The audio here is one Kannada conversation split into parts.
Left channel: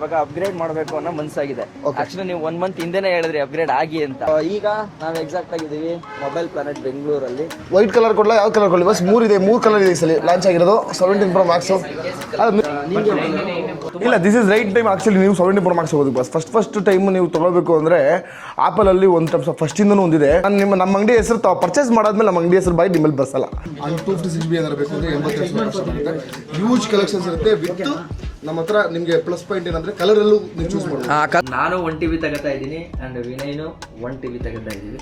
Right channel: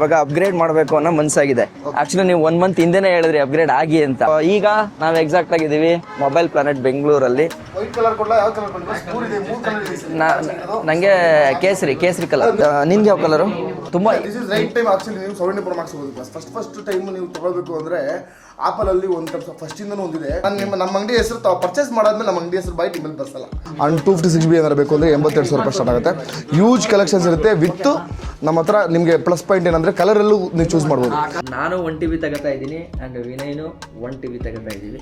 ಇವಾಗ ಅಪ್ಗ್ರೇಡ್ ಮಾಡಬೇಕು ಅನ್ನೋ ಮನಸ್ಸಾಗಿದೆ. ಆಕ್ಚುಲಿ ನೀವು 1 ಮಂತ್ ಹಿಂದೆನೇ ಹೇಳಿದ್ರಿ ಅಪ್ಗ್ರೇಡ್ ಆಗಿ ಅಂತ. ಈಗ ನಾವು ಎಕ್ಸಾಕ್ಟ್ ಆಗಿದ್ದೀವಿ ಮೊಬೈಲ್ ಪ್ಲಾನೆಟ್ ಬೆಂಗಳೂರಲ್ಲಿ. ವೈಟ್ ಕಲರ್ ಕೊಡ್ಲಾ, ಯಾವ ಕಲರ್ ಕೊಡ್ಲಿ? ಬಸ್ 3 ಕಲರ್ ಇದೆ ಸಲ ಲಾಂಚ್ ಆಗಿರೋದು. ನಂಗೆ ಕೇಸರಿ ಕಲರ್. ನಿಮ್ಗೆ ಯಾವ ಕಲರ್? ತುಂಬಾ this is right time actually ನೀವು 17 Pro Max ಹೋಗೋದು ಬಸ್. ಫಸ್ಟ್ ಟೈಮ್ ನೀವು ತಗೊಳ್ಬೇಕು ಅಂದ್ರೆ ಆಪಲ್ ಅಲ್ಲಿ ಒಂದು ಟೈಪ್ ಫಸ್ಟ್ ಇಂದನೂ ಒಂದಿದೆ. ನಮ್ಮ ಅಂಗಡಿ ಹೆಸರು ತಾವು ಪರ್ಚೇಸ್ ಮಾಡಾದ್ಮೇಲೆ ನಮ್ಮ ಅಂಗಡಿ ಹೆಸರು ಬೈ ನಿಮ್ಮಲ್ಲಿ ಬಸ್ ಅಲ್ಲ. ಅಂಡ್ 256GB ಏನಾರು ಬೇಕು ಅಂದ್ರೆ 82,000 ಸ್ಟಾರ್ಟ್ ಆಗುತ್ತೆ. ಹ್ಯೂಜ್ ಕಲೆಕ್ಷನ್ಸ್ ಇರುತ್ತೆ ವಿತ್ ನಮ್ಮ ಹತ್ರ. ನಿಮಗೆ ಪ್ಲಸ್ ಪಾಯಿಂಟ್ ಏನಂದ್ರೆ ಕಲರ್ ಎಲ್ಲೂ ನೀವು ಚೂಸ್ ಮಾಡ್ಬೋದು. ನಾನು 1 TB ತಗೋತಾ ಇದ್ದೀನಿ ಅಂಡ್ ವಿನಯ್ನು 1 TB ತಗೋತಾ ಇದ್ದೀವಿ.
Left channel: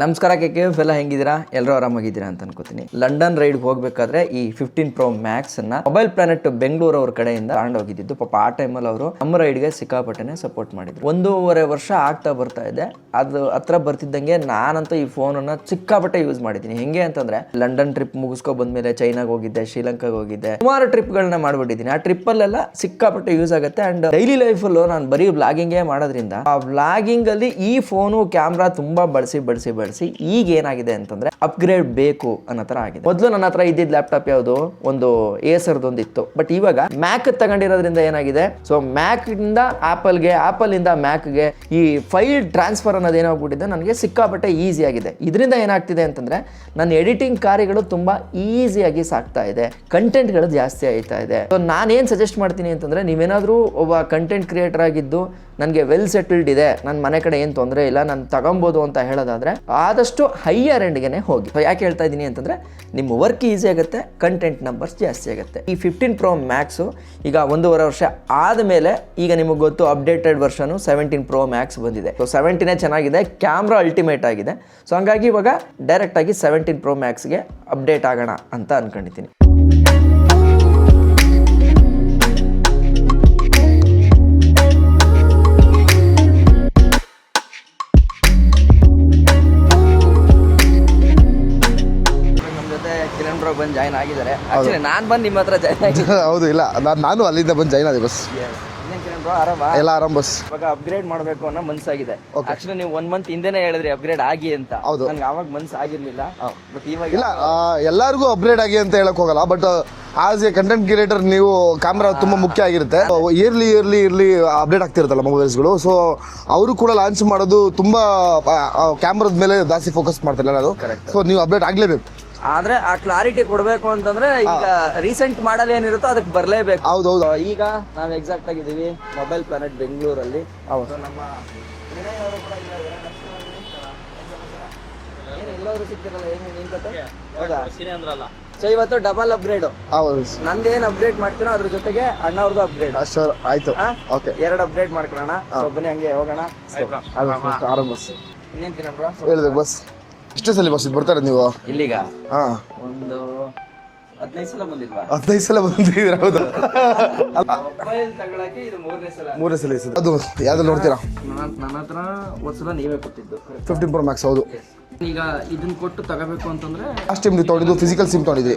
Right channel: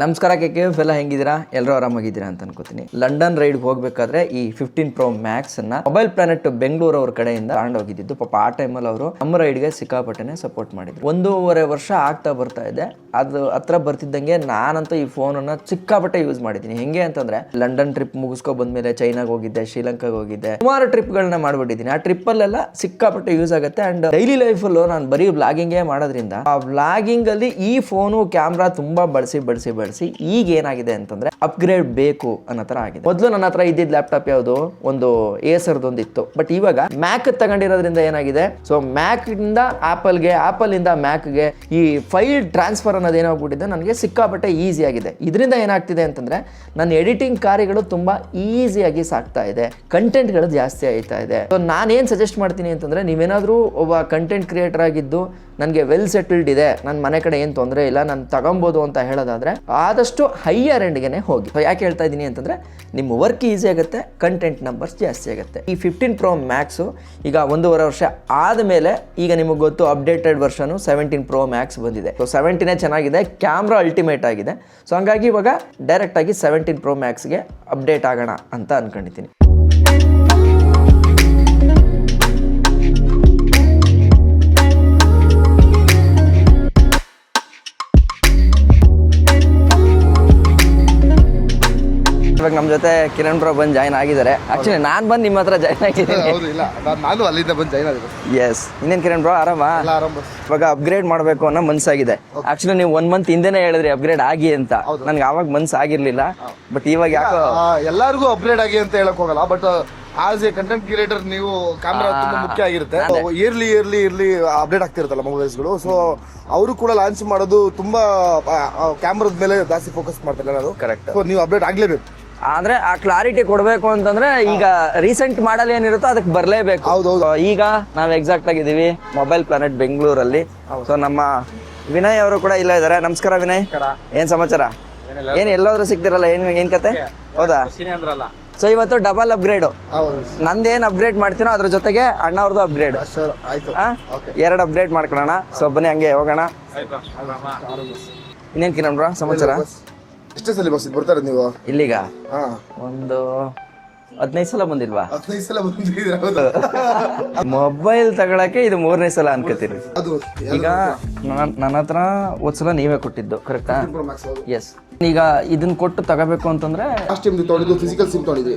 ನಮಸ್ಕಾರ KKF ಎಲ್ಲ ಹೆಂಗಿದ್ದೀರಾ? ಎಲ್ಲರೂ ಆರಾಮಾಗಿದ್ದೀರಾ ಅಂತ ಅನ್ಕೋತೀನಿ. ಲಂಡನ್ ರೈಡ್ ಹೋಗ್ಬೇಕಾದ್ರೆ ಈ 15 Pro Max ಅನ್ನ ಮೊಬೈಲ್ ಪ್ಲಾನೆಟ್ ಬೆಂಗಳೂರು ಅವ್ರ ಕಡೆಯಿಂದ ತಗೊಂಡೋಗಿದ್ದು. ಪಾಪ ಆ ಟೈಮಲ್ಲಿ ಅವರು ನಮ್ಮ ರೈಡ್ಗೆ ಸಿಕ್ಕಾಪಟ್ಟೆನೆ ಸಪೋರ್ಟ್ ಮಾಡಿದ್ರು. 1.5 ವರ್ಷ ಆಗ್ತಾ ಬರ್ತಾ ಇದೆ. ಅದು ಹತ್ರ ಬರ್ತಿದ್ದಂಗೆ ನಾನಂತೂ ಈ ಫೋನ್ ಅನ್ನ ಸಿಕ್ಕಾಪಟ್ಟೆ ಯೂಸ್ ಮಾಡಿದ್ದೀನಿ. ಹೆಂಗೆ ಅಂತಂದ್ರೆ ಲಂಡನ್ ಟ್ರಿಪ್ ಮುಗಿಸ್ಕೊ ಬಂದ್ಮೇಲೆ ಚೈನಾಗ ಹೋಗಿದ್ದೆ, ಶ್ರೀಲಂಕಾಗ ಹೋಗಿದ್ದೆ, ಸುಮಾರು ಟ್ರಿಪ್ಗಳನ್ನ ಮಾಡ್ಬಿಟ್ಟಿದ್ದೀನಿ. ಆ ಟ್ರಿಪ್ ಅಲ್ಲೆಲ್ಲ ಸಿಕ್ಕಾಪಟ್ಟೆ ಯೂಸ್ ಆಗುತ್ತೆ. ಅಂಡ್ ಡೈಲಿ ಲೈಫ್ ಅಲ್ಲೂ ನಾನು ಬರೀ ವ್ಲಾಗಿಂಗೇ ಮಾಡೋದ್ರಿಂದ ಆ ವ್ಲಾಗಿಂಗ್ ಅಲ್ಲಿ ಈ ಫೋನು ಕ್ಯಾಮ್ರಾ ತುಂಬಾ ಬಳಸಿ ಈಗ ಏನಾಗಿದೆ ಅಂತಂದ್ರೆ ಅಪ್ಗ್ರೇಡ್ ಬೇಕು ಅನ್ನೋ ತರ ಆಗಿದೆ. ಮೊದಲು ನನ್ನ ಹತ್ರ ಇದ್ದಿದ್ದ ಲ್ಯಾಪ್ಟಾಪ್ ಯಾವುದು ಒಂದು ಏಸರ್ದೊಂದಿತ್ತು. ಬಟ್ ಇವಾಗ ಮ್ಯಾಕ್ ತಗೊಂಡಿರೋದ್ರಿಂದ ಏನಾಗಿದೆ, ಸೊ ಮ್ಯಾಕ್ ಇಂದ ಆಪಲ್ಗೆ, ಆಪಲ್ ಇಂದ ಮ್ಯಾಕ್ಗೆ ಈ ಫೈಲ್ ಟ್ರಾನ್ಸ್ಫರ್ ಅನ್ನೋದು ಏನಾಗ್ಬಿಟ್ಟಿದೆ ನನಗೆ ಸಿಕ್ಕಾಪಟ್ಟೆ ಈಸಿ ಆಗಿದೆ. ಇದರಿಂದ ಏನಾಗ್ತಿದೆ ಅಂತಂದ್ರೆ ನನ್ನ ಎಡಿಟಿಂಗ್ ಕಾರ್ಯಗಳು ತುಂಬಾ ಈಸಿಯಾಗಿ ಸಾಕ್ತಾ ಇದೆ, ಕಂಟೆಂಟ್ಗಳು ಜಾಸ್ತಿ ಆಯ್ತಾ ಇದೆ. ಸೊ ನಾನೇನು ಸಜೆಸ್ಟ್ ಮಾಡ್ತೀನಿ ಅಂತಂದ್ರೆ, ನೀವೇನಾದ್ರೂ ಒಬ್ಬ ಕಂಟೆಂಟ್ ಕ್ರಿಯೇಟರ್ ಆಗಿದ್ದು ನನಗೆ ವೆಲ್ ಸೆಟಲ್ಡ್ ಇದೆ, ನನ್ನ ಮನೆ ಕಡೆ ಏನು ತೊಂದರೆ ಇಲ್ಲ, ನಾನು ತಗೊಬೋದು ಅಂತ ಹೇಳೋದಾದ್ರೆ ಆದಷ್ಟು ಹೈಯರ್ ಎಂಡ್ಗೆ ಹೋಗಿ. ಯಾಕೆ ಹೇಳ್ತಾ ಇದ್ದೀನಿ ಅಂತಂದ್ರೆ, ನಿಮ್ಮ ವರ್ಕ್ ಈಸಿ ಆಗುತ್ತೆ, ಕಂಟೆಂಟ್ ನಂಬರ್ಸ್ ಜಾಸ್ತಿ ಆಗುತ್ತೆ. ಈ 15 Pro Max ಈಗ 1.5 ವರ್ಷ ಆದಮೇಲೆ ಈಗ ನಿಮಗೆ ಗೊತ್ತು ಅಪ್ಡೇಟೆಡ್ ವರ್ಷನು 17 Pro Max ಬಂದಿದೆ. ಸೊ 17 ಚೆನ್ನಾಗಿದೆ, ಕ್ಯಾಮ್ರಾ ಅಲ್ಟಿಮೇಟ್ ಆಗಿದೆ. ಸೊ ಹಂಗಾಗಿ ಇವಾಗ ಡೈರೆಕ್ಟ್ ಆಗಿ 17 Pro Maxಗೆ ಅಪ್ಡೇಟ್ ಆಗೋಣ ಅಂತ ಅನ್ಕೊಂಡಿದ್ದೀನಿ. ನಮ್ಮ ಜೊತೆ ಕಿರಣ್ ಬ್ರೋ ಬಂದು ಜಾಯ್ನ್ ಆಗಿದ್ದಾರೆ. ಆಕ್ಚುಲಿ ನಾನು ಬಂದು ನಿಮ್ಮ ಹತ್ರ ಜಾಯ್ನ್ ಆಗಿದ್ದೀನಿ. ಹೌದು, ಇಲ್ಲ ನಾನು ಅಲ್ಲಿಂದ ಬಂದು ಜಾಯ್ನ್ ಆಗಿದೆ ಬಸ್. ಎಸ್, ಇನ್ನೇನು ಕಿರಣ್ ಬ್ರೋ ಆರಾಮ? ಎಲ್ಲ ಆರಾಮ್ ಬಸ್. ಇವಾಗ ಅಪ್ಗ್ರೇಡ್ ಮಾಡಬೇಕು ಅನ್ನೋ ಮನಸ್ಸಾಗಿದೆ. ಆಕ್ಚುಲಿ ನೀವು 1 ಮಂತ್ ಹಿಂದೆನೇ ಹೇಳಿದ್ರಿ ಅಪ್ಗ್ರೇಡ್ ಆಗಿ ಅಂತ. ನನ್ಗೆ ಆವಾಗ ಮನ್ಸು ಆಗಿರ್ಲಿಲ್ಲ. ಬಟ್ ಇವಾಗ ಎಲ್ಲರಿಗೂ ಅಪ್ಗ್ರೇಡ್ ಆಗಿ ಅಂತ ಹೇಳಕ್ ಹೋಗಲ್ಲ. But as a content creator ನೀವು ಕ್ಯಾಮ್ರಾ ತುಂಬಾ ಮುಖ್ಯ ಆಗಿರುತ್ತೆ. ಇಯರ್ಲಿ ಅಪ್ಡೇಟ್ ಆಗ್ತಿರುತ್ತಲ್ಲ ಮೊಬೈಲ್ಸ್ಗಳು. ಸೊ ಅವರು ಕೂಡ ಲಾಂಚ್ ಮಾಡೋದು ತುಂಬಾ ಕ್ಯಾಮ್ರಾದ ಮೇಲೆ ಜಾಸ್ತಿ ಫೋಕಸ್ ಮಾಡ್ತಿಲ್ಲ ನಾನು. ಕರೆಕ್ಟ್. ಸೊ ನೀವು ಅಪ್ಡೇಟ್ ಆಗ್ಲೇಬೇಕು. ಆದ್ರೆ ಆ ಕ್ಲಾರಿಟಿ ಕೊಡ್ಬೇಕು ಅಂತಂದ್ರೆ ಈಗ ರೀಸೆಂಟ್ ಮಾಡಲ್ ಏನಿರುತ್ತೋ ಅದಕ್ಕೆ ಬರ್ಲೇಬೇಕು. ಹೌದೌದು. ಈಗ ನಾವ್ ಎಕ್ಸಾಕ್ಟ್ ಆಗಿದ್ದೀವಿ ಮೊಬೈಲ್ ಪ್ಲಾನೆಟ್ ಬೆಂಗಳೂರಲ್ಲಿ. ಸೊ ನಮ್ಮ ವಿನಯ್ ಅವರು ಕೂಡ ಇಲ್ಲ ಇದಾರೆ. ನಮಸ್ಕಾರ ವಿನಯ್, ಏನ್ ಸಮಾಚಾರ? ಏನ್ ಎಲ್ಲಾದ್ರೂ ಸಿಗ್ತಿರಲ್ಲ, ಏನ್ ಕತೆ? ಹೌದಾ? ಸೊ ಇವತ್ತು ಡಬಲ್ ಅಪ್ಗ್ರೇಡ್. ನಂದೇನ್ ಅಪ್ಗ್ರೇಡ್ ಮಾಡ್ತೀನೋ ಅದ್ರ ಜೊತೆಗೆ ಅಣ್ಣವ್ರದ್ದು ಅಪ್ಗ್ರೇಡ್. ಆಯ್ತು, 2 ಅಪ್ಗ್ರೇಡ್ ಮಾಡ್ಕೊಳ್ಳೋಣ. ಸೊ ಬನ್ನಿ ಹಂಗೆ ಹೋಗೋಣ. ಇನ್ನೇನ್ ಕಿರಣ್ ಬ್ರೋ ಸಮಾಚಾರ? ಎಷ್ಟೇ ಸಲ ಬಸ್ ಬರ್ತಾರೆ ನೀವು ಇಲ್ಲಿಗ? ಒಂದು 15 ಸಲ ಬಂದಿಲ್ವಾ? 15 ಸಲ ಬಂದಿದ್ದೀರಾ? ಹೌದಾ? ಮೊಬೈಲ್ ತಗೊಳಕ್ಕೆ ಇದು 3ನೇ ಸಲ ಅನ್ಕೋತೀನಿ. ಅದು ಯಾವ್ದು ನೋಡ್ತೀರಾ? ನನ್ನ ಹತ್ರ ಒಂದ್ಸಲ ನೀವೇ ಕೊಟ್ಟಿದ್ದು. ಕರೆಕ್ಟ್. 15 Pro Max. ಹೌದು. ಎಸ್. ಈಗ ಇದನ್ನ ಕೊಟ್ಟು ತಗೋಬೇಕು ಅಂತಂದ್ರೆ ಲಾಸ್ಟ್ ಟೈಮ್ ತಗೊಂಡಿದ್ದು ಫಿಸಿಕಲ್ ಸಿಮ್ ತಗೊಂಡಿದ್ದೆ.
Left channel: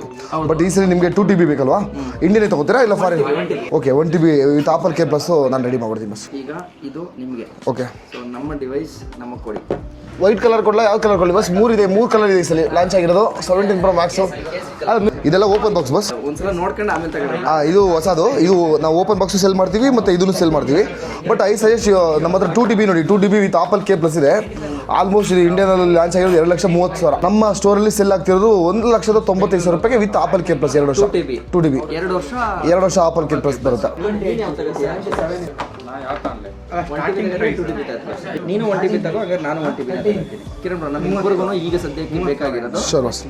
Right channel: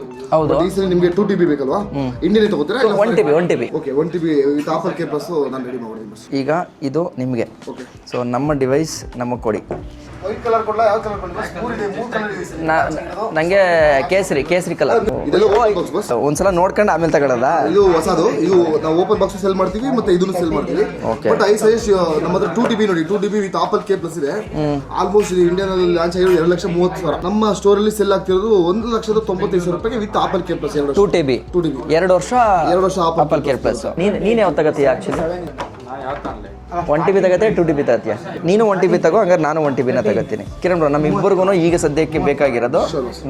ಬಟ್ ಈ ಸಲ ನಿಮಗೆ 2 TB ಬೇಕಲ್ವಾ? ಇಂಡಿಯನ್ ತಗೋತೀರಾ ಇಲ್ಲ 1 TB? Okay, 1 TB with apple care plus ನಾನು ರೆಡಿ ಮಾಡ್ಬಿಡ್ತೀನಿ ಬಸ್. ಈಗ ಇದು ನಿಮಗೆ. ಓಕೆ. ಸೊ ನಮ್ಮ ಡಿವೈಸ್ ನಮಗೆ ಕೊಡಿ. ವೈಟ್ ಕಲರ್ ಕೊಡ್ಲಾ, ಯಾವ ಕಲರ್ ಕೊಡ್ಲಿ? ಬಸ್ 3 ಕಲರ್ ಇದೆ ಈ ಸಲ ಲಾಂಚ್ ಆಗಿರೋದು. ನಂಗೆ ಕೇಸರಿ ಕಲರ್. ಇದೆಲ್ಲ ಓಪನ್ ಬಾಕ್ಸ್ ಬಸ್. ಒಂದ್ಸಲ ನೋಡ್ಕೊಂಡು ಆಮೇಲೆ ತಗೊಳ್ಳೋಣ. ಇದು ಹೊಸದು. ಇದು ನಾವು ಓಪನ್ ಬಾಕ್ಸ್ ಸೆಲ್ ಮಾಡ್ತೀವಿ ಮತ್ತೆ ಇದನ್ನು ಸೆಲ್ ಮಾಡ್ತೀವಿ. ಬಟ್ ಐ ಸಜೆಸ್ಟ್ ನಮ್ಮ ಹತ್ರ 2 TB ನೋಡಿ. 2 TB with apple care plus ಇದೆ. ಆಲ್ಮೋಸ್ಟ್ ಇಂಡಿಯನ್ ಅಲ್ಲಿ ಲಾಂಚ್ ಆಗಿರೋದು 2,30,000. ನಮ್ಮ ಸ್ಟೋರ್ ಅಲ್ಲಿ ಸೆಲ್ ಆಗ್ತಿರೋದು 1,95,000 ರೂಪಾಯಿಗೆ ವಿತ್ ಆಪಲ್ ಕೇರ್ ಪ್ಲಸ್ 2 ವರ್ಷ. 2 TB 2 ವರ್ಷ ಆಪಲ್ ಕೇರ್ ಪ್ಲಸ್. ನೀನ್ ಯಾವ ತಗತ್ತೀಯ? ಆಕ್ಚುಲಿ 1 TB ತಗತ್ತೆ, 2 TB ತಗತ್ತೀಯ? ನೀನು 1 TB ತಗೋ, ಹಂಗಾರೆ ನಾನು 1 TB ನ ತಗತ್ತೀನಿ. ಕಿರಣ್ ಬ್ರೋ, ನಮ್ಮಿಬ್ಬರಿಗೂ ಈಗ ಸದ್ಯಕ್ಕೆ ಬೇಕಾಗಿರೋದು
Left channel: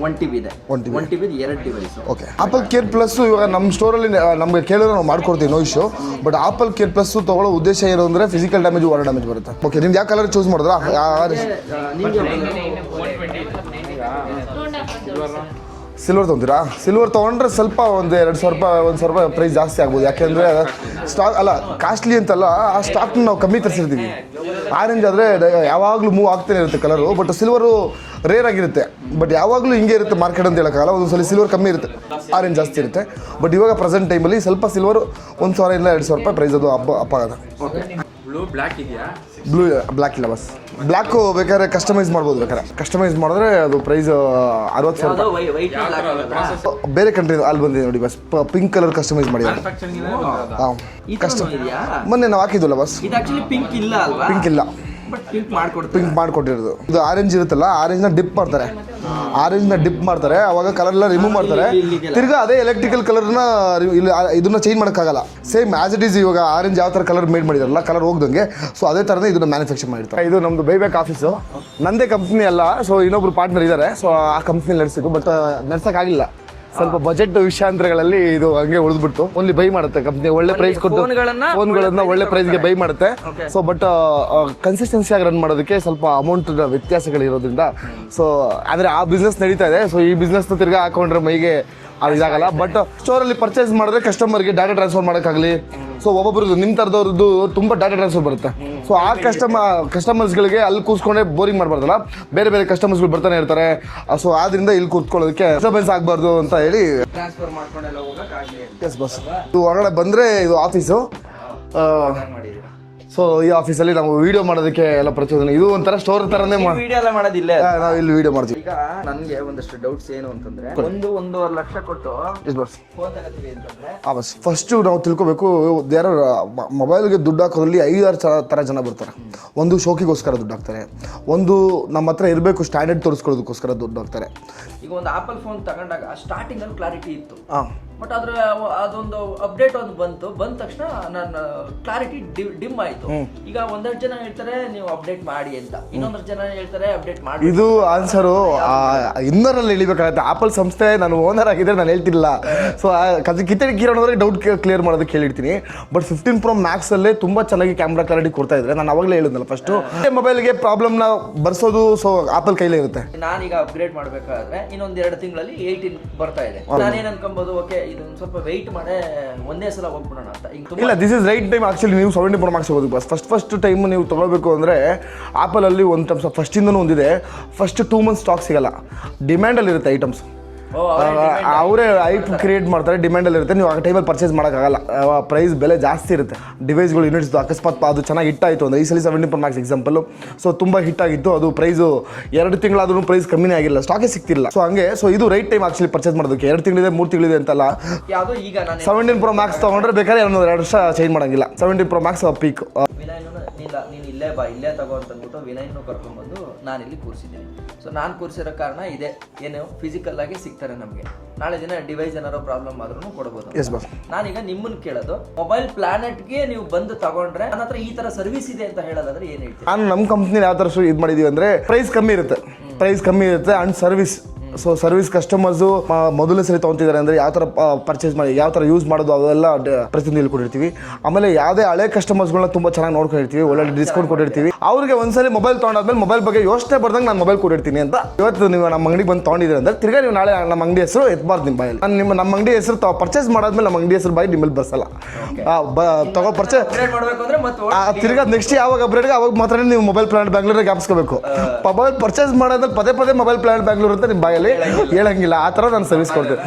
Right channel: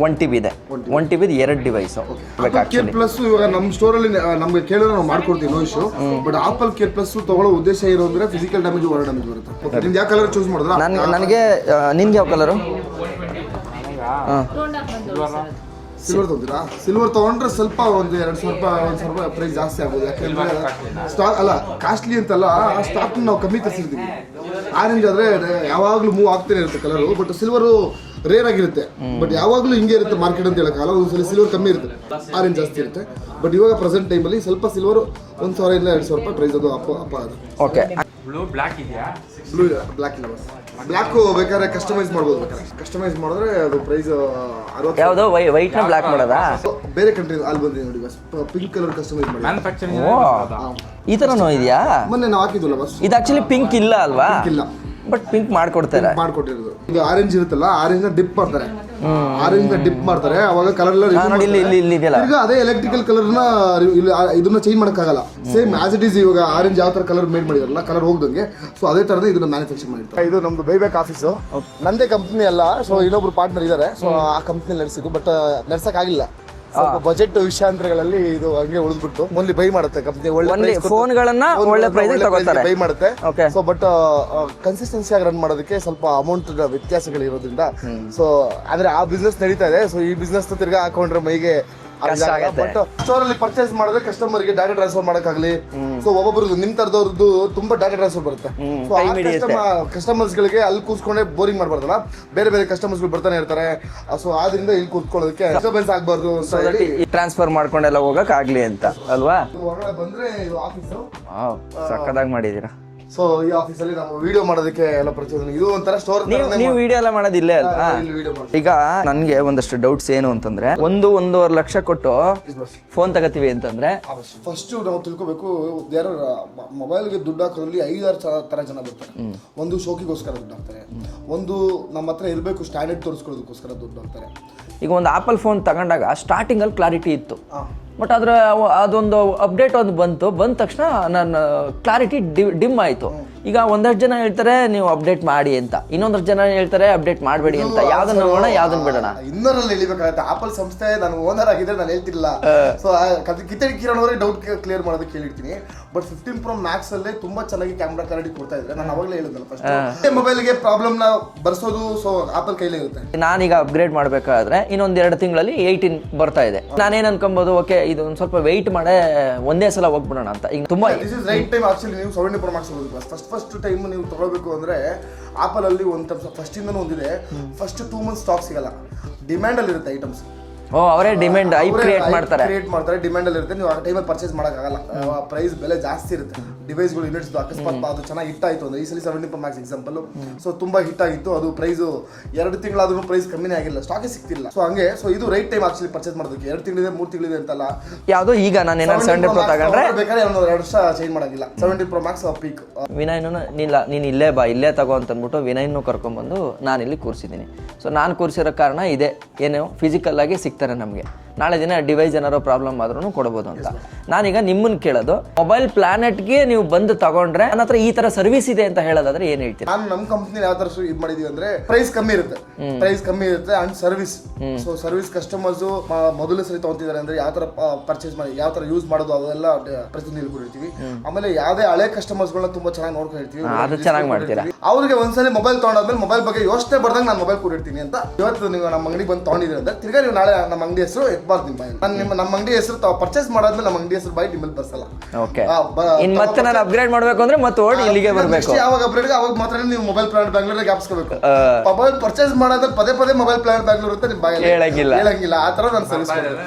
1 TB ಇದೆ. 1 TB 2 device. Okay. Apple care plus ಇವಾಗ ನಮ್ಮ ಸ್ಟೋರ್ ಅಲ್ಲಿ ನಮ್ಗೆ ಕೇಳಿದ್ರೆ ನಾವು ಮಾಡ್ಕೊಡ್ತೀವಿ, no issue. But Apple care plus ತಗೊಳ್ಳೋ ಉದ್ದೇಶ ಏನು ಅಂದ್ರೆ ಫಿಸಿಕಲ್ ಡ್ಯಾಮೇಜ್, ವಾಟರ್ ಡ್ಯಾಮೇಜ್ ಬರುತ್ತೆ. ಓಕೆ. ನಿಮ್ಗೆ ಯಾವ ಕಲರ್ ಚೂಸ್ ಮಾಡಿದ್ರಾ? ನನಗೆ ನಿಮ್ಗೆ ಯಾವ ಕಲರು? ಸಿಲ್ವರ್ ತೊಗೊಂತೀರಾ? ಸಿಲ್ವರ್ ತೊಗೊಂಡ್ರೆ ಸ್ವಲ್ಪ ಒಂದು 2,000 ರೂಪಾಯಿ ಪ್ರೈಸ್ ಜಾಸ್ತಿ ಆಗ್ಬೋದು. ಯಾಕೆಂದ್ರೆ ಸ್ಟಾಕ್ ಅಲ್ಲ, ಕಾಸ್ಟ್ಲಿ ಅಂತಲ್ಲ, ಆ ಸ್ಟಾಕ್ನ ನಾವು ಕಮ್ಮಿ ತರಿಸಿರ್ತೀವಿ. ಆರೆಂಜ್ ಆದರೆ ಯಾವಾಗಲೂ ಮೂವ್ ಆಗ್ತಾನೆ ಇರುತ್ತೆ ಕಲರು. ಬಟ್ ಸಿಲ್ವರು ರೇರ್ ಆಗಿರುತ್ತೆ. ಬಟ್ ಯಾವಾಗಲೂ ಹಿಂಗೆ ಇರುತ್ತೆ ಮಾರ್ಕೆಟ್ ಅಂತ ಹೇಳೋಕ್ಕಾಗಲ್ಲ. ಒಂದೊಂದ್ಸಲ ಸಿಲ್ವರ್ ಕಮ್ಮಿ ಇರುತ್ತೆ, ಆರೆಂಜ್ ಜಾಸ್ತಿ ಇರುತ್ತೆ. ಬಟ್ ಇವಾಗ ಪ್ರೆಸೆಂಟ್ ಟೈಮಲ್ಲಿ ಸ್ವಲ್ಪ ಸಿಲ್ವರು 1,000 ಇಂದ 2,000 ರೂಪಾಯಿ ಪ್ರೈಸ್ ಅದು ಅಪ್ ಆಗೋದು. ಓಕೆ. ಬ್ಲೂ ಬ್ಲ್ಯಾಕ್ ಇಲ್ಲ ಬಸ್. ಬ್ಲ್ಯಾಕ್ ಬೇಕಾದ್ರೆ ಕಸ್ಟಮೈಸ್ ಮಾಡ್ಬೋದು, ಬೇಕಾದ್ರೆ ಕಸ್ಟಮೈಸ್ ಮಾಡಿದ್ರೆ ಅದು ಪ್ರೈಸ್ 60. ಯಾವ್ದೋ ವೈಟ್ ಬ್ಲಾಕ್ ಮಾಡೋದಾ? ಬೇರೆ ಕಂಟ್ರಿ ಅಲ್ಲಿ ಬಂದಿದೆ ನೋಡಿ ಬಸ್, ಪಿಂಕ್ ಕಲರ್ ಕಸ್ಟಮೈಸ್ ಮಾಡಿ. ಈ ತರನೂ ಇದೆಯಾ? ಮೊನ್ನೆ ನಾವು ಹಾಕಿದ್ವಲ್ಲ ಬಸ್. ಇದು ಆಕ್ಚುಲಿ ಪಿಂಕ್ ಇಲ್ಲ ಅಲ್ವಾ? ಪಿಂಕ್ ಇಲ್ಲ, ಬಟ್ ಪಿಂಕ್ ಮಾಡ್ಕೊಡ್ತಾರೆ. ಮಾಡ್ಕೊಟ್ಟಿರೋದು ಇದು ಆರೆಂಜ್ ಇರುತ್ತಲ್ಲ, ಆರೆಂಜ್ ನ ಡಿಪ್ ಮಾಡ್ತಾರೆ, ಆರೆಂಜ್ ನ ಡಿಪ್ ಮಾಡ್ತಾರೆ, ಅವಾಗ ಕಲರ್ ಎಲ್ಲ ರಿಮೂವ್ ಮಾಡ್ತಾರೆ. ತಿರ್ಗಾ ಅದೇ ಎಲೆಕ್ಟ್ರಿಕಲ್ ಕಲರ್ ನ ಇದನ್ನ ಚೇಂಜ್ ಮಾಡಕ್ಕಾಗಲ್ಲ. ಸೇಮ್ ಆಸ್ ಇಟ್ ಈಸ್ ಇವಾಗ ಆರೆಂಜ್ ಯಾವ ತರ ಕಲರ್ ಮೇಡ್ ಮಾಡಿದಾರಲ್ಲ, ಕಲರ್ ಹೋಗ್ದಂಗೆ, ಸೊ ಅದೇ ತರನೇ ಇದನ್ನ ಮ್ಯಾನುಫ್ಯಾಕ್ಚರ್ ಮಾಡಿರ್ತಾರೆ. ಇದು ನಮ್ದು ಬೈಬ್ಯಾಕ್ ಆಫೀಸು, ನಂದೇ ಕಂಪ್ನಿ ಅಲ್ಲ, ಸೊ ಇನ್ನೊಬ್ರು ಪಾರ್ಟ್ನರ್ ಇದ್ದಾರೆ, ಸೊ ಆ ಕಂಪ್ನಿ ನಡೆಸಿದ್ದು, ಬಟ್ ನಡ್ಸಕ್ ಆಗಿಲ್ಲ. ಸ್ವಲ್ಪ ಬಜೆಟ್ ವಿಷಯಾಂತರಗಳಲ್ಲಿ ಇದು ಹಂಗೆ ಉಳಿದ್ಬಿಟ್ಟು ಓನ್ಲಿ ಬೈ ಮಾಡುತ್ತೆ ಕಂಪ್ನಿ, ಒಳ್ಳೆ ಪ್ರೈಸ್ ಕೊಟ್ಟು ಒಳ್ಳೆ ಪ್ರೈಸ್ಗೆ ಬೈ ಮಾಡುತ್ತೆ. ಸೊ ಬಟ್ ಕನ್ಸಿಸ್ಟೆನ್ಸಿ ಆಗಿ ರನ್ ಮಾಡೋದಕ್ಕೆ ಸ್ವಲ್ಪ ಅಮೌಂಟ್ ವ್ಯತ್ಯಾಸಗಳಿರೋದ್ರಿಂದ, ಸೊ ಅಂದ್ರೆ ಆ ಬಿಸ್ನೆಸ್ ನಡೀತಾ ಇದೆ. ಸೊ ಈ ಬಿಸ್ನೆಸ್ ತಿರ್ಗಾ ಹಾಕೊಂಡ್ರೆ ಮೈಗೆ ಅದಾಗಲ್ಲ. ಬಟ್ ಸ್ಟೋರ್ ಅಲ್ಲಿ ಪರ್ಚೇಸ್ ಮಾಡಿದ್ರೆ ಕಸ್ಟಮರ್ಗೆ ಡಾಟಾ ಟ್ರಾನ್ಸ್ಫರ್ ಮಾಡಕ್ಕಾಗಲಿ, ಸೊ ಒಬ್ಬೊಬ್ರದ್ದು ನಿಮ್ ತರದವ್ರದ್ದು ತುಂಬಾ ಡಾಟಾ ಟ್ರಾನ್ಸ್ಫರ್ ಬರುತ್ತೆ. ಸೊ ಆ ಕಸ್ಟಮರ್ಸ್ ಗಳಿಗೆ ಅಲ್ಲಿ ಕೂತ್ಕೊಂಡೆ ಬೋರಿಂಗ್ ಮಾಡಬಾರ್ದಲ್ಲ, ಬೇರೆ ಬೇರೆ ಕಸ್ಟಮರ್ಸ್ ಗಳು ಬರ್ತಾನೆ ಇರ್ತಾರೆ. ಸೊ ಆದ್ರಿಂದ ಇಲ್ಲಿ ಕೂತ್ಕೊಳ್ಳೋದಕ್ಕೆ ಡಿಸ್ಟರ್ಬೆನ್ಸ್ ಆಗಬಾರ್ದು ಅಂತ ಹೇಳಿ ಟ್ರಾನ್ಸ್ಫರ್ ಮಾಡ್ಕೊಂಡೆಲ್ಲ ಹೋಗಕ್ ಆಗ್ಲಿ ಅಂತ ಅಲ್ವಾ? ಇದು ಹೊರಗಡೆ ಬಂದ್ರೆ ಇದು ಆಫೀಸು ಮಾಡಿದೀರಾ. ಸೊ ಈ ಆಫೀಸಲ್ಲಿ ನಾವು ವಿಡಿಯೋ ಮಾಡೋದಕ್ಕೆ ಎಲ್ಲ ಪ್ರಚೋದನೆ, ಇದು ಒಂಥರ ಸ್ಟೋರ್ ತರನೇ ವಿಡಿಯೋ ಎಲ್ಲ ಮಾಡೋದಿಲ್ಲ. ಇಲ್ಲಿ ವಿಡಿಯೋ ಮಾಡ್ತೀವಿ. ಈಗ ನನ್ಗೆ ಒಂದಷ್ಟು ಡೌಟ್ಸ್ ಏನು ಅಂತಂದ್ರೆ, 1.5 ಲಕ್ಷ ಕೊಟ್ಟು ಫೋನ್ ತಗೋತೀವಿ ಅಂತಂದ್ರೆ ಫಸ್ಟ್ ನಾವು ತಿಳ್ಕೊಬೇಕು, ದೇರ್ ಮೊಬೈಲ್ಗೆ ದುಡ್ಡು ಹಾಕೋದ್ರಲ್ಲಿ 5-6 ತರ ಜನ ಬರ್ತಾರೆ. ಒಂದು ಶೋಕಿಗೋಸ್ಕರ ದುಡ್ಡು ಹಾಕ್ತಾರೆ, ಒಂದು ನಮ್ಮ ಹತ್ರ ಇರಬೇಕು ಸ್ಟ್ಯಾಂಡರ್ಡ್ ತೋರಿಸ್ಕೊಳ್ಳೋದಕ್ಕೋಸ್ಕರ ದುಡ್ಡು ಹಾಕ್ತಾರೆ. ಈಗ ಒಂದು ಆಪಲ್ ಫೋನ್ ತಗೊಂಡಾಗ ಸ್ಟಾರ್ಟಿಂಗ್ ಅಲ್ಲಿ ಕ್ಲಾರಿಟಿ ಇತ್ತು, ಬಟ್ ಅದ್ರ ಅದೊಂದು ಅಪ್ಡೇಟ್ ಒಂದು ಬಂದ ತಕ್ಷಣ ನನ್ನ ಕ್ಲಾರಿಟಿ ಡಿಮ್ ಆಯ್ತು. ಈಗ ಒಂದಷ್ಟು ಜನ ಹೇಳ್ತಾರೆ ನೀವು ಅಪ್ಡೇಟ್ ಮಾಡಿ ಅಂತ, ಇನ್ನೊಂದಷ್ಟು ಜನ ಹೇಳ್ತಾರೆ ಅಪ್ಡೇಟ್ ಮಾಡಬೇಡಿ ಅಂತ. ಇನ್ನರಲ್ಲಿ ಇಳಿಬೇಕಾಗುತ್ತೆ. ಆಪಲ್ ಸಂಸ್ಥೆ ನಾನು ಓನರ್ ಆಗಿದ್ರೆ ನಾನು ಹೇಳ್ತಿಲ್ಲ. ಸೊ ಕಿರಣವ್ರೆ ಡೌಟ್ ಕ್ಲಿಯರ್ ಮಾಡೋದಕ್ಕೆ ಹೇಳಿರ್ತೀನಿ. ಬಟ್ 15 Pro Max ಅಲ್ಲೇ ತುಂಬಾ ಚೆನ್ನಾಗಿ ಕ್ಯಾಮ್ರಾ ಕ್ಲಾರಿಟಿ ಕೊಡ್ತಾ ಇದ್ರೆ, ನಾನು ಅವಾಗಲೇ ಹೇಳಿದ್ನಲ್ಲ ಫಸ್ಟ್ ಮೊಬೈಲ್ಗೆ ಪ್ರಾಬ್ಲಮ್ ನ ಬರ್ಸೋದು ಸೊ ಆಪಲ್ ಕೈಲೇ ಇರುತ್ತೆ. ನಾನೀಗ ಅಪ್ಗ್ರೇಡ್ ಮಾಡ್ಬೇಕಾದ್ರೆ ಇನ್ನೊಂದ್ 2 ತಿಂಗಳಲ್ಲಿ 18 ಬರ್ತಾ ಇದೆ. ನಾನೇನ್ ಅನ್ಕೊಬಹುದು, ಓಕೆ ಇದು ಒಂದ್ ಸ್ವಲ್ಪ ವೆಯ್ಟ್ ಮಾಡೇ ಒಂದೇ ಸಲ ಹೋಗ್ಬಿಡೋಣ ಅಂತ. ಈಗ ತುಂಬಾ this is right time actually. ನೀವು 17 Pro Max ಹೋಗೋದು ಬಸ್ ಫಸ್ಟ್ ಟೈಮ್ ನೀವು ತಗೊಳ್ಬೇಕು ಅಂದ್ರೆ ಆಪಲ್ ಅಲ್ಲಿ ಒಂದು ಫಸ್ಟ್ ಇಂದನೂ ಒಂದಿದೆ, ಫಸ್ಟ್ 2 months ಸ್ಟಾಕ್ ಸಿಗಲ್ಲ, ಡಿಮ್ಯಾಂಡ್ ಅಲ್ಲಿ ಇರುತ್ತೆ ಐಟಮ್ಸ್. ಅವರೇ ಕ್ರಿಯೇಟ್ ಮಾಡ್ತಾರೆ, ಡಿಮ್ಯಾಂಡ್ ಅಲ್ಲಿ ಇರುತ್ತೆ. ನೀವು ಆ ಟೈಮಲ್ಲಿ ಪರ್ಚೇಸ್ ಮಾಡೋಕ್ಕಾಗಲ್ಲ, ಪ್ರೈಸ್ ಬೆಲೆ ಜಾಸ್ತಿ ಇರುತ್ತೆ. ಡಿವೈಸ್ಗಳು ಯೂನಿಟ್ಸ್ ಅಕಸ್ಮಾತ್ ಅದು ಚೆನ್ನಾಗಿ ಹಿಟ್ ಆಯಿತು ಅಂದ್ರೆ, ಈ ಸಲ 17 Pro Max ಎಕ್ಸಾಂಪಲ್, ಸೊ ತುಂಬಾ ಹಿಟ್ ಆಗಿತ್ತು, ಅದು ಪ್ರೈಸು 2 ತಿಂಗಳಾದ್ರೂ ಪ್ರೈಸ್ ಕಮ್ಮಿನೇ ಆಗಿಲ್ಲ, ಸ್ಟಾಕೇ ಸಿಗ್ತಿಲ್ಲ. ಸೊ ಹಂಗೆ ಸೊ ಇದು ರೈಟ್ ಟೈಮ್ ಆಕ್ಚುಲಿ ಪರ್ಚೇಸ್ ಮಾಡೋದಕ್ಕೆ. 2 ತಿಂಗಳಿದೆ 3 ತಿಂಗಳಿದೆ ಅಂತಲ್ಲ, ಯಾವುದು ಈಗ ನಾನು 17 Pro Max ತಗೊಂಡ್ರೆ ಬೇಕಾದ್ರೆ 2 ವರ್ಷ ಚೇಂಜ್ ಮಾಡಂಗಿಲ್ಲ. 17 Pro Max ಪೀಕ್. ವಿನಯ್ನು ನೀನು ಇಲ್ಲೇ ಬಾ, ಇಲ್ಲೇ ತಗೋ ಅಂತ ಅಂದ್ಬಿಟ್ಟು ವಿನಯ್ನು ಕರ್ಕೊಂಡ್ಬಂದು ನಾನು ಇಲ್ಲಿ ಕೂರಿಸಿದ್ದೀನಿ. ಸೊ ನಾನು ಕೂರಿಸಿರೋ ಕಾರಣ ಇದೆ, ಏನು ಫಿಸಿಕಲ್ ಆಗಿ ಸಿಗ್ತಾರೆ ನಮಗೆ. ನಾಳೆ ದಿನ ಡಿವೈಸ್ ಏನಾರೋ ಪ್ರಾಬ್ಲಮ್ ಆದ್ರೂ ಕೊಡಬಹುದು. ನಾನೀಗ ನಿಮ್ಮನ್ನ ಕೇಳೋದು, ಮೊಬೈಲ್ ಪ್ಲಾನೆಟ್ಗೆ ನೀವು ಬಂದು ತಗೊಂಡ್ರೆ ನನ್ನ ಹತ್ರ ಈ ತರ ಸರ್ವಿಸ್ ಇದೆ ಅಂತ ಹೇಳೋದಾದ್ರೆ ಏನ್ ಹೇಳ್ತೀರಾ? ನಾನು ನಮ್ಮ ಕಂಪ್ನಿ ಯಾವ ತರ ಇದು ಮಾಡಿದೀವಿ ಅಂದ್ರೆ, ಪ್ರೈಸ್ ಕಮ್ಮಿ ಇರುತ್ತೆ and service. So service customers ಮೊದಲನೇ ಸರಿ ತಗೊಂತಿದ್ದಾರೆ ಅಂದ್ರೆ ಯಾವ ತರ ಪರ್ಚೇಸ್ ಮಾಡಿ, ಯಾವ ತರ ಯೂಸ್ ಮಾಡೋದು ಅದೆಲ್ಲ ಪ್ರತಿಯೊಂದು ಹೇಳ್ಕೊಟ್ಟಿರ್ತೀವಿ. ಆಮೇಲೆ ಯಾವ್ದೇ ಹಳೆ ಕಸ್ಟಮರ್ಸ್ ಗಳನ್ನ ತುಂಬಾ ಚೆನ್ನಾಗಿ ನೋಡ್ಕೊಂಡಿರ್ತೀವಿ, ಒಳ್ಳೆ ಡಿಸ್ಕೌಂಟ್ ಕೊಟ್ಟಿರ್ತೀವಿ. ಅವ್ರಿಗೆ ಒಂದ್ಸಲಿ ಮೊಬೈಲ್ ತಗೊಂಡಾದ್ಮೇಲೆ ಮೊಬೈಲ್ ಬಗ್ಗೆ ಯೋಚನೆ ಬರ್ದಂಗೆ ನಾನು ಮೊಬೈಲ್ ಕೊಟ್ಟಿರ್ತೀನಿ ಅಂತ. ಇವತ್ತು ನೀವು ನಮ್ಮ ಅಂಗಡಿಗೆ ಬಂದು ತಗೊಂಡಿದ್ರೆ ಅಂದ್ರೆ ತಿರ್ಗಾ ನೀವು ನಾಳೆ ನಮ್ಮ ಅಂಗಡಿ ಹೆಸರು ಎತ್ಬಾರ್ದು ನಿಮ್ಮ ಬಾಯಲ್ಲಿ. ನಾನು ನಮ್ಮ ಅಂಗಡಿ ಹೆಸರು ತಾವು ಪರ್ಚೇಸ್ ಮಾಡಾದ್ಮೇಲೆ ನಮ್ಮ ಅಂಗಡಿ ಹೆಸರು ಬಾಯಿ ನಿಮ್ಮಲ್ಲಿ ಬರ್ಸಲ್ಲ. ಅಪ್ಗ್ರೇಡ್ ಮಾಡಬೇಕು ಅಂದ್ರೆ ಮತ್ತೆ ನೆಕ್ಸ್ಟ್ ಯಾವಾಗ ಅಪ್ಗ್ರೇಡ್ ಅವಾಗ ಮಾತ್ರ ನೀವು ಮೊಬೈಲ್ ಪ್ಲಾನೆಟ್ ಬ್ಯಾಂಗ್ಳೂರ್ ಜ್ಞಾಪಿಸ್ಕೋಬೇಕು. ಮೊಬೈಲ್ ಪರ್ಚೇಸ್ ಮಾಡೋದ್ರೆ ಪದೇ ಮೊಬೈಲ್ ಪ್ಲಾನೆಟ್ ಬ್ಯಾಂಗ್ಳೂರ್ ಅಂತ ನಿಮ್ಮ ಬಾಯಲ್ಲಿ ಹೇಳಂಗಿಲ್ಲ. ಆ ತರ ನಾನು ಸರ್ವಿಸ್ ಕೊಡ್ತೇನೆ.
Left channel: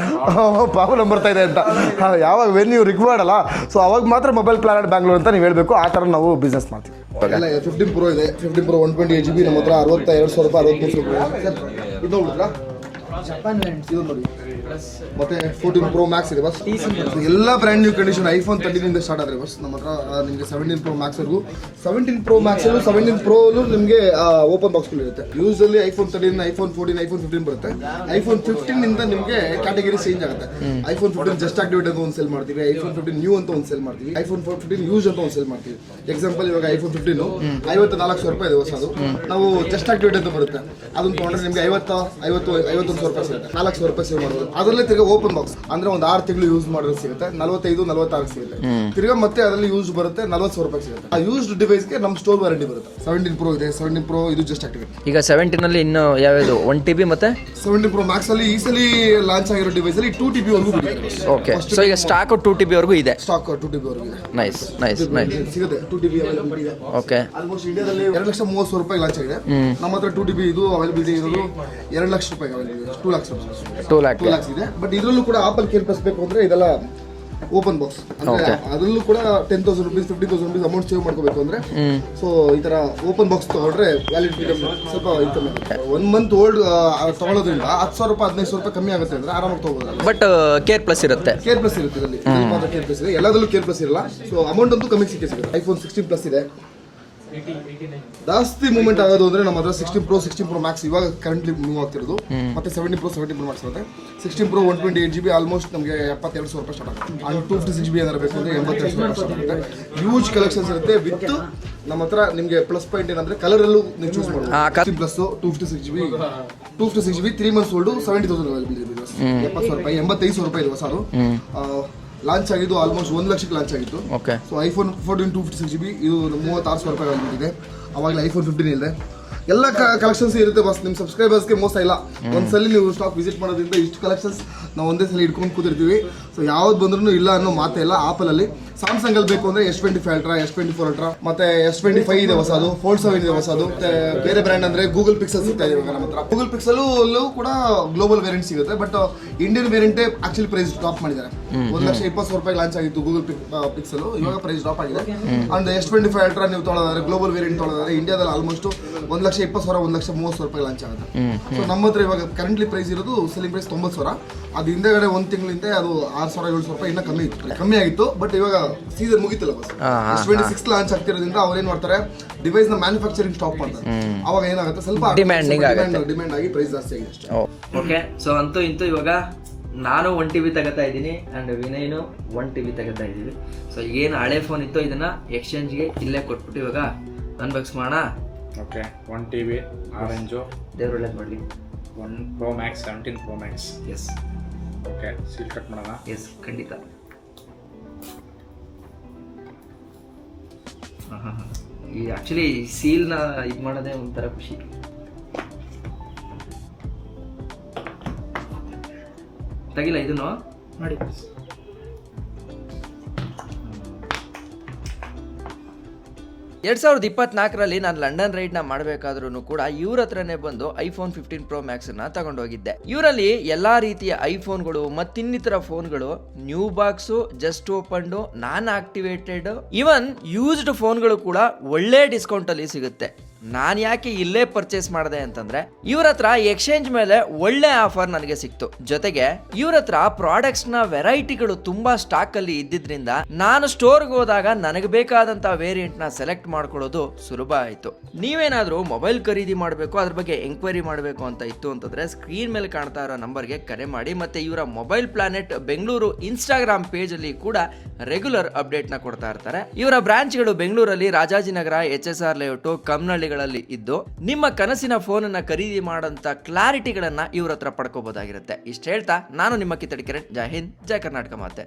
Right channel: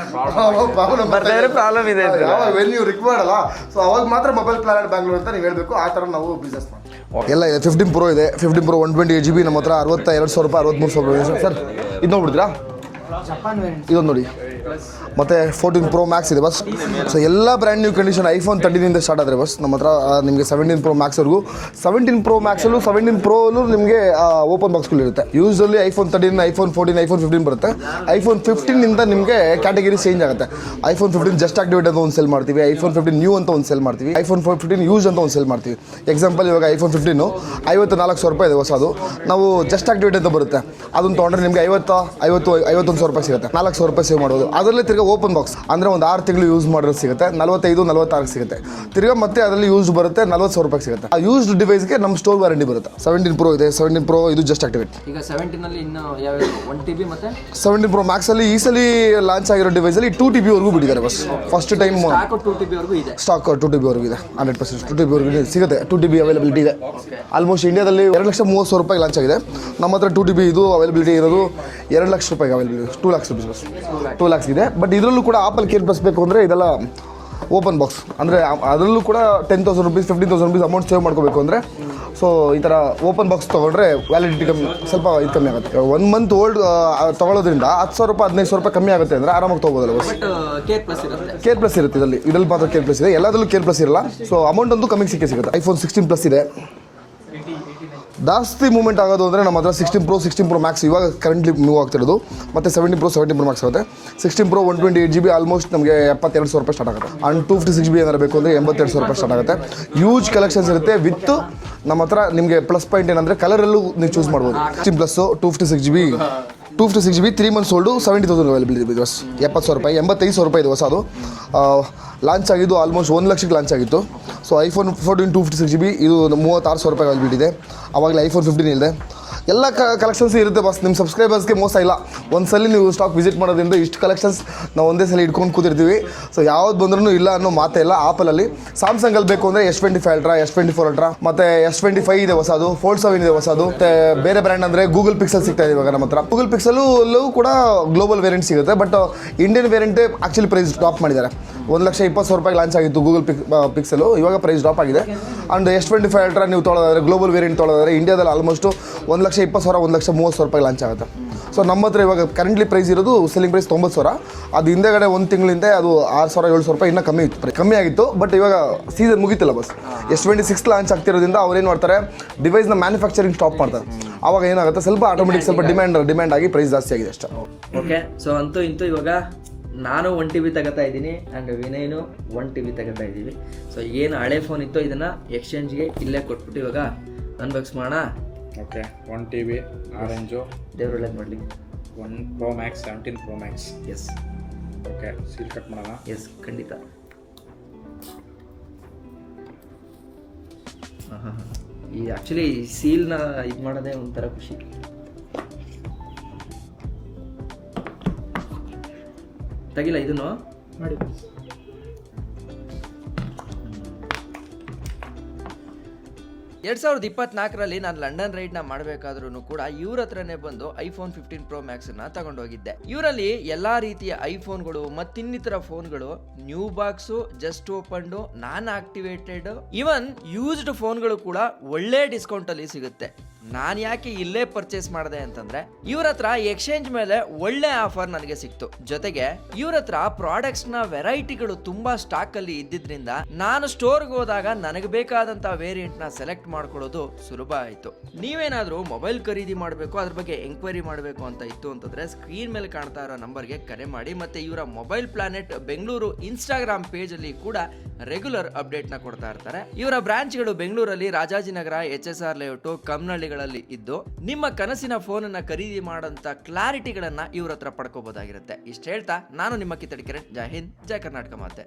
ಪ್ರಾಬ್ಲಮ್ ಬರ್ತಾ ಇದೆ, ಯಾವಾಗ ವೆನ್ ಯು ರಿಕ್ವೈರ್ಡ್ ಅಲ್ಲ, ಸೊ ಅವಾಗ ಮಾತ್ರ ಮೊಬೈಲ್ ಪ್ಲಾನೆಟ್ ಬ್ಯಾಂಗ್ಳೂರ್ ಅಂತ ನೀವು ಹೇಳ್ಬೇಕು. ಆ ತರ ನಾವು ಬಿಸ್ನೆಸ್ ಮಾಡ್ತೀವಿ. ಎಲ್ಲ 15 Pro ಇದೆ, 15 Pro 128 GB ನಮ್ಮ ಹತ್ರ 62,000 ರೂಪಾಯಿ 63,000 ಸರ್. ಇದು ನೋಡ್ಬಿಡ್ತೀರಾ, ಇದೊಂದು ನೋಡಿ. ಮತ್ತೆ 14 Pro Max ಇದೆ ಬಸ್. ಸೊ ಎಲ್ಲ brand new condition iPhone 13 start ಆದರೆ ಬಸ್ ನಮ್ಮ ಹತ್ರ ನಿಮಗೆ 17 Pro Max ವರೆಗೂ. 17 Pro Max ಅಲ್ಲೂ 17 Pro ನಿಮಗೆ ಓಪನ್ ಬಾಕ್ಸ್ಗಳು ಇರುತ್ತೆ. ಯೂಸಲಿ ಐಫೋನ್ 13, ಐಫೋನ್ 14, ಐಫೋನ್ 15 ಬರುತ್ತೆ. ಐಫೋನ್ 15 ಇಂದ ನಿಮಗೆ ಕ್ಯಾಟಗರಿ ಚೇಂಜ್ ಆಗುತ್ತೆ. ಐಫೋನ್ 15 ಜಸ್ಟ್ ಆಕ್ಟಿವೇಟ್ ಅಂತ ಒಂದು ಸೆಲ್ ಮಾಡ್ತೀವಿ, ಐಫೋನ್ 15 ನ್ಯೂ ಅಂತ ಒಂದು ಸೆಲ್ ಮಾಡ್ತೀವಿ, ಐಫೋನ್ 15 ಯೂಸ್ ಅಂತ ಒಂದು ಸೆಲ್ ಮಾಡ್ತೀವಿ. ಎಕ್ಸಾಂಪಲ್ ಇವಾಗ ಐಫೋನ್ 15 54,000 ರೂಪಾಯಿ ಇದೆ ಹೊಸದು, ನಾವು ಜಸ್ಟ್ ಆಕ್ಟಿವೇಟ್ ಅಂತ ಬರುತ್ತೆ. ಅದನ್ನು ತೊಗೊಂಡ್ರೆ ನಿಮಗೆ 51,000 ರೂಪಾಯಿ ಸಿಗುತ್ತೆ, 4,000 ರೂಪಾಯಿ ಸೇವ್ ಮಾಡೋದು. ಅದರಲ್ಲಿ ತಿರ್ಗಾ ಓಪನ್ ಬಾಕ್ಸ್ ಅಂದ್ರೆ ಒಂದು 6 ತಿಂಗಳು ಯೂಸ್ ಮಾಡೋದು ಸಿಗುತ್ತೆ, 45-46 ಸಿಗುತ್ತೆ. ತಿರ್ಗಾ ಮತ್ತೆ ಅದರಲ್ಲಿ ಯೂಸ್ ಬರುತ್ತೆ 40,000 ರೂಪಾಯಿ ಸಿಗುತ್ತೆ. ಆ ಯೂಸ್ಡ್ ಡಿವೈಸ್ಗೆ ನಮ್ಮ ಸ್ಟೋರ್ ವಾರಂಟಿ ಬರುತ್ತೆ. 17 Pro ಇದೆ, 17 Pro ಇದು ಜಸ್ಟ್ ಆಕ್ಟಿವೇಟ್. ಈಗ 17 ಅಲ್ಲಿ ಇನ್ನು ಯಾವ್ದು 1 TB ಮತ್ತೆ 17 Pro Max ಅಲ್ಲಿ ಈ ಸಲ ಲಾಂಚ್ ಆಗಿರೋ ಡಿವೈಸ್ ಅಲ್ಲಿ 2 TB ವರೆಗೂ ಬಿಟ್ಟಿದ್ದಾರೆ ಬಸ್. ಫಸ್ಟ್ ಸ್ಟಾಕ್ 2 TB ವರೆಗೂ ಇದೆ, ಸ್ಟಾಕ್ 2 TB ವರೆಗೂ ಇದೆ, 100% ಸಿಗುತ್ತೆ. 2 TB ಅವೈಲಬಿಲಿಟಿ ಇದೆ. ಓಕೆ, ಆಲ್ಮೋಸ್ಟ್ ಇಂಡಿಯಾದಲ್ಲಿ 2,30,000 ರೂಪಾಯಿ ಲಾಂಚ್ ಆಗಿದೆ. ನಮ್ಮ ಹತ್ರ 2 TB ಇದು ಅವೈಲಬಿಲಿಟಿ ಇರೋದು 2 ಲಕ್ಷ ರೂಪಾಯಿ ಅವೈಲಬಿಲಿಟಿ, 2 lakhs ರೂಪಾಯಿ 2 lakhs ಇದೆ. ಬಟ್ ಇದರಲ್ಲೂ ಕೂಡ ಆಪಲ್ ಕೇರ್ ಬಸ್ಬೇಕು ಅಂದ್ರೆ ಇದೆಲ್ಲ ಓಪನ್ ಬಾಕ್ಸ್ ಅಂದರೆ ಅದರಲ್ಲೂ ಕೂಡ 10,000 rupees 15,000 rupees ಅಮೌಂಟ್ ಸೇವ್ ಮಾಡ್ಕೋಬೇಕು ಅಂದರೆ ಸೊ ಈ ಥರ ಓಪನ್ ಬಾಕ್ಸ್ ತೊಗೊಂಡ್ರೆ ವ್ಯಾಲಿಡಿಟಿ ಕಮ್ಮಿ ಸ್ವಲ್ಪ ಇದು ಕಮ್ಮಿ ಆಗುತ್ತೆ. 1 month ಓಲ್ಡ್ ತೊಗೊಳೋದ್ರಿಂದ 10,000 ರೂಪಾಯಿ 15,000 ರೂಪಾಯಿ ಕಮ್ಮಿ ಆಗುತ್ತೆ ಅಂದರೆ ಆರಾಮಾಗಿ ತೊಗೋಬೋದಲ್ಲ. ಬಟ್ ಕೇರ್ ಪ್ಲಸ್ ಇರುತ್ತೆ, ಕೇರ್ ಪ್ಲಸ್ ಇರುತ್ತೆ ಇದರಲ್ಲಿ ಮಾತ್ರ ಕೇರ್ ಪ್ಲಸ್ ಇದೆ, ಎಲ್ಲದರಲ್ಲೂ ಕೇರ್ ಪ್ಲಸ್ ಇರಲ್ಲ. ಸೊ ಅಮೌಂಟ್ ಅಂತೂ ಕಮ್ಮಿ ಸಿಗುತ್ತೆ. iPhone 16 Plus ಇದೆ. ಜಾಸ್ತಿ ಮೂವ್ಮೆಂಟ್ ಆಗೋದು ಅಂದರೆ ನಮ್ಮ ಹತ್ರ 16 Pro Max ಇವಾಗ ಕರೆಂಟ್ಲಿ ಮೂವ್ ಆಗ್ತಿರೋದು, ಮತ್ತೆ 17 Pro Max ಆಗುತ್ತೆ. 16 Pro 128GB ಆಲ್ಮೋಸ್ಟ್ ನಮಗೆ 72,000 ರೂಪಾಯಿ ಸ್ಟಾರ್ಟ್ ಆಗುತ್ತೆ. ಅಂಡ್ 256GB ಏನಾರು ಬೇಕು ಅಂದರೆ 82,000 ರೂಪಾಯಿ ಸ್ಟಾರ್ಟ್ ಆಗುತ್ತೆ. ಹ್ಯೂಜ್ ಕಲೆಕ್ಷನ್ಸ್ ಇರುತ್ತೆ. ವಿತ್ ನಮ್ಮ ಹತ್ರ ನಿಮಗೆ ಪ್ಲಸ್ ಪಾಯಿಂಟ್ ಏನಂದರೆ ಕಲರಲ್ಲೂ ನೀವು ಚೂಸ್ ಮಾಡ್ಬೋದು. 16 Plus 256GB 3 months old 70,000 available ಇದೆ. 70,000 ರೂಪಾಯಿ 85,000 ರೂಪಾಯಿ ಇದೆ ಹೊಸದು. ಲಾಂಚ್ ಆಗಿದ್ದು ಆಲ್ಮೋಸ್ಟ್ 1 ಲಕ್ಷಕ್ಕೆ ಲಾಂಚ್ ಆಗಿತ್ತು. ಸೊ iPhone 14 256GB ಇದು 36,000 ರೂಪಾಯಿ ಅವೈಲೇಬಲ್ ಇದೆ. ಅವಾಗಲೇ iPhone 15 ಇದೆ. ಎಲ್ಲ ಕಲೆಕ್ಷನ್ಸ್ ಇರುತ್ತೆ ಬಸ್. ನಿಮ್ಮ ಸಬ್ಸ್ಕ್ರೈಬರ್ಸ್ಗೆ ಮೋಸ ಇಲ್ಲ. ಒಂದ್ಸಲಿ ನೀವು ಸ್ಟಾಕ್ ವಿಸಿಟ್ ಮಾಡೋದ್ರಿಂದ ಇಷ್ಟು ಕಲೆಕ್ಷನ್ಸ್ ನಾವು ಒಂದೇ ಸಲ ಇಟ್ಕೊಂಡು ಕೂತಿರ್ತೀವಿ. ಸೊ ಯಾವ್ದು ಬಂದ್ರೂ ಇಲ್ಲ ಅನ್ನೋ ಮಾತೇ ಇಲ್ಲ. ಆಪಲಲ್ಲಿ ಸ್ಯಾಮ್ಸಂಗಲ್ಲಿ ಬೇಕು ಅಂದರೆ S24 Ultra, S24 Ultra ಮತ್ತೆ S25 ಇದೆ ಹೊಸದು, Fold 7 ಇದೆ ಹೊಸದು. ಮತ್ತೆ ಬೇರೆ ಬ್ರ್ಯಾಂಡ್ ಅಂದರೆ ಗೂಗಲ್ ಪಿಕ್ಸೆಲ್ ಸಿಗ್ತಾ ಇದೆ ಇವಾಗ ನಮ್ಮ ಹತ್ರ. ಗೂಗಲ್ ಪಿಕ್ಸೆಲ್ಲೂ ಕೂಡ ಗ್ಲೋಬಲ್ ವೇರಿಯಂಟ್ ಸಿಗುತ್ತೆ. ಬಟ್ ಇಂಡಿಯನ್ ವೇರಿಯಂಟೇ ಆಕ್ಚುಲಿ ಪ್ರೈಸ್ ಡ್ರಾಪ್ ಮಾಡಿದ್ದಾರೆ. 1,20,000 ರೂಪಾಯಿ ಲಾಂಚ್ ಆಗಿತ್ತು ಗೂಗಲ್ ಪಿಕ್ಸೆಲ್, ಇವಾಗ ಪ್ರೈಸ್ ಡ್ರಾಪ್ ಆಗಿದೆ. ಅಂಡ್ S25 Ultra ನೀವು ತೊಗೊಳೋದಾದ್ರೆ ಗ್ಲೋಬಲ್ ವೇರಿಯಂಟ್ ತೊಗೊಳೋದಾದ್ರೆ ಇಂಡಿಯಾದಲ್ಲಿ ಆಲ್ಮೋಸ್ಟ್ 1,20,000 1,30,000 ರೂಪಾಯಿ ಲಾಂಚ್ ಆಗುತ್ತೆ. ಸೊ ನಮ್ಮ ಹತ್ರ ಇವಾಗ ಕರೆಂಟ್ಲಿ ಪ್ರೈಸ್ ಇರೋದು ಸೆಲ್ಲಿಂಗ್ ಪ್ರೈಸ್ 90,000. ಅದು ಹಿಂದೆಗಡೆ 1 ತಿಂಗಳಿಂದ ಅದು 6,000-7,000 ರೂಪಾಯಿ ಇನ್ನೂ ಕಮ್ಮಿ ಆಗಿತ್ತು. ಬಟ್ ಇವಾಗ ಸೀಸನ್ ಮುಗಿತಿಲ್ಲ ಬಸ್. S26 ಲಾಂಚ್ ಆಗ್ತಿರೋದ್ರಿಂದ ಅವ್ರು ಏನು ಮಾಡ್ತಾರೆ, ಡಿವೈಸ್ನ ಮ್ಯಾನುಫ್ಯಾಕ್ಚರಿಂಗ್ ಸ್ಟಾಪ್ ಮಾಡ್ತಾರೆ. ಅವಾಗ ಏನಾಗುತ್ತೆ, ಸ್ವಲ್ಪ ಡಿಮ್ಯಾಂಡ್ ಆಗಿ ಪ್ರೈಸ್ ಜಾಸ್ತಿ ಆಗಿದೆ ಅಷ್ಟೇ. ಓಕೆ. ಸೊ ಅಂತೂ ಇಂತೂ ಇವಾಗ ನಾನು 1 TB ತಗೋತಾ ಇದ್ದೀನಿ ಆ್ಯಂಡ್ ವಿನಯ್ನು 1 TB ತಗೋತಾ ಇದ್ದೀವಿ. ಸೊ ಏನು ಹಳೆ ಫೋನ್ ಇತ್ತು ಇದನ್ನು ಎಕ್ಸ್ಚೇಂಜ್ಗೆ ಇಲ್ಲೇ ಕೊಟ್ಬಿಟ್ಟು ಇವಾಗ ಅನ್ಬಾಕ್ಸ್ ಮಾಡೋಣ. ಓಕೆ, 1 TB ಆರೆಂಜು, ದೇವ್ರು ಒಳ್ಳೇದು ಮಾಡಲಿ. 1 Pro Max 17 Pro Max. Yes. Okay, seal cut ಮಾಡೋಣ. ಎಸ್, ಖಂಡಿತ. ಹಾಂ ಈ ಆ್ಯಕ್ಚುಲಿ ಸೀಲ್ನ ಇದು ಮಾಡೋದೇ ಒಂಥರ ಖುಷಿ. ತೆಗಿಲ್ಲ ಇದನ್ನು ಮಾಡಿ. 2024ರಲ್ಲಿ ನಾನು ಲಂಡನ್ ರೈಡ್ನ ಮಾಡಬೇಕಾದ್ರೂ ಕೂಡ ಇವ್ರ ಹತ್ರನೇ ಬಂದು iPhone 15 Pro Maxನ ತಗೊಂಡೋಗಿದ್ದೆ. ಇವರಲ್ಲಿ ಎಲ್ಲಾ ರೀತಿಯ ಐಫೋನ್ಗಳು ಮತ್ತಿನ್ನಿತರ ಫೋನ್ಗಳು, ನ್ಯೂ ಬಾಕ್ಸು, ಜಸ್ಟ್ ಓಪನ್ಡು, ನಾನ್ ಆಕ್ಟಿವೇಟೆಡ್, ಇವನ್ ಯೂಸ್ಡ್ ಫೋನ್ಗಳು ಕೂಡ ಒಳ್ಳೆ ಡಿಸ್ಕೌಂಟ್ ಅಲ್ಲಿ ಸಿಗುತ್ತೆ. ನಾನು ಯಾಕೆ ಇಲ್ಲೇ ಪರ್ಚೇಸ್ ಮಾಡಿದೆ ಅಂತಂದ್ರೆ ಇವ್ರ ಹತ್ರ ಎಕ್ಸ್ಚೇಂಜ್ ಮೇಲೆ ಒಳ್ಳೆ ಆಫರ್ ನನಗೆ ಸಿಕ್ತು. ಜೊತೆಗೆ ಇವ್ರ ಹತ್ರ ಪ್ರಾಡಕ್ಟ್ಸ್ ನ ವೆರೈಟಿಗಳು ತುಂಬಾ ಸ್ಟಾಕ್ ಅಲ್ಲಿ ಇದ್ದಿದ್ರಿಂದ ನಾನು ಸ್ಟೋರ್ಗೆ ಹೋದಾಗ ನನಗೆ ಬೇಕಾದಂತ ವೇರಿಯಂಟ್ ನ ಸೆಲೆಕ್ಟ್ ಮಾಡ್ಕೊಳ್ಳೋದು ಸುಲಭ ಆಯ್ತು. ನೀವೇನಾದ್ರೂ ಮೊಬೈಲ್ ಖರೀದಿ ಮಾಡಬೇಕು, ಅದ್ರ ಬಗ್ಗೆ ಎಂಕ್ವೈರಿ ಮಾಡಬೇಕು ಅಂತ ಇತ್ತು ಅಂತಂದ್ರೆ ಸ್ಕ್ರೀನ್ ಮೇಲೆ ಕಾಣ್ತಾ ಇರೋ ನಂಬರ್ಗೆ ಕರೆ ಮಾಡಿ. ಮತ್ತೆ ಇವರ mobile planet Bengaluru Instagram page ಅಲ್ಲಿ ಕೂಡ ರೆಗ್ಯುಲರ್ ಅಪ್ಡೇಟ್ ನ ಕೊಡ್ತಾ ಇರ್ತಾರೆ. ಇವರ ಬ್ರಾಂಚ್ಗಳು ಬೆಂಗಳೂರಲ್ಲಿ ರಾಜಾಜಿನಗರ, HSR ಲೇಔಟ್, ಕಮ್ನಳ್ಳಿಗಳಲ್ಲಿ ಇದ್ದು ನಿಮ್ಮ ಕನಸಿನ ಫೋನ್ ಅನ್ನ ಖರೀದಿ ಮಾಡಂತ ಕ್ಲಾರಿಟಿಗಳನ್ನ ಇವ್ರ ಹತ್ರ ಪಡ್ಕೋಬಹುದಾಗಿರುತ್ತೆ. ಇಷ್ಟ ಹೇಳ್ತಾ ನಾನು ನಿಮ್ಮ ಕಿತ್ತಡಿ ಕಿರಣ್. ಜೈ ಹಿಂದ್, ಜೈ ಕರ್ನಾಟಕ ಮಾತೆ.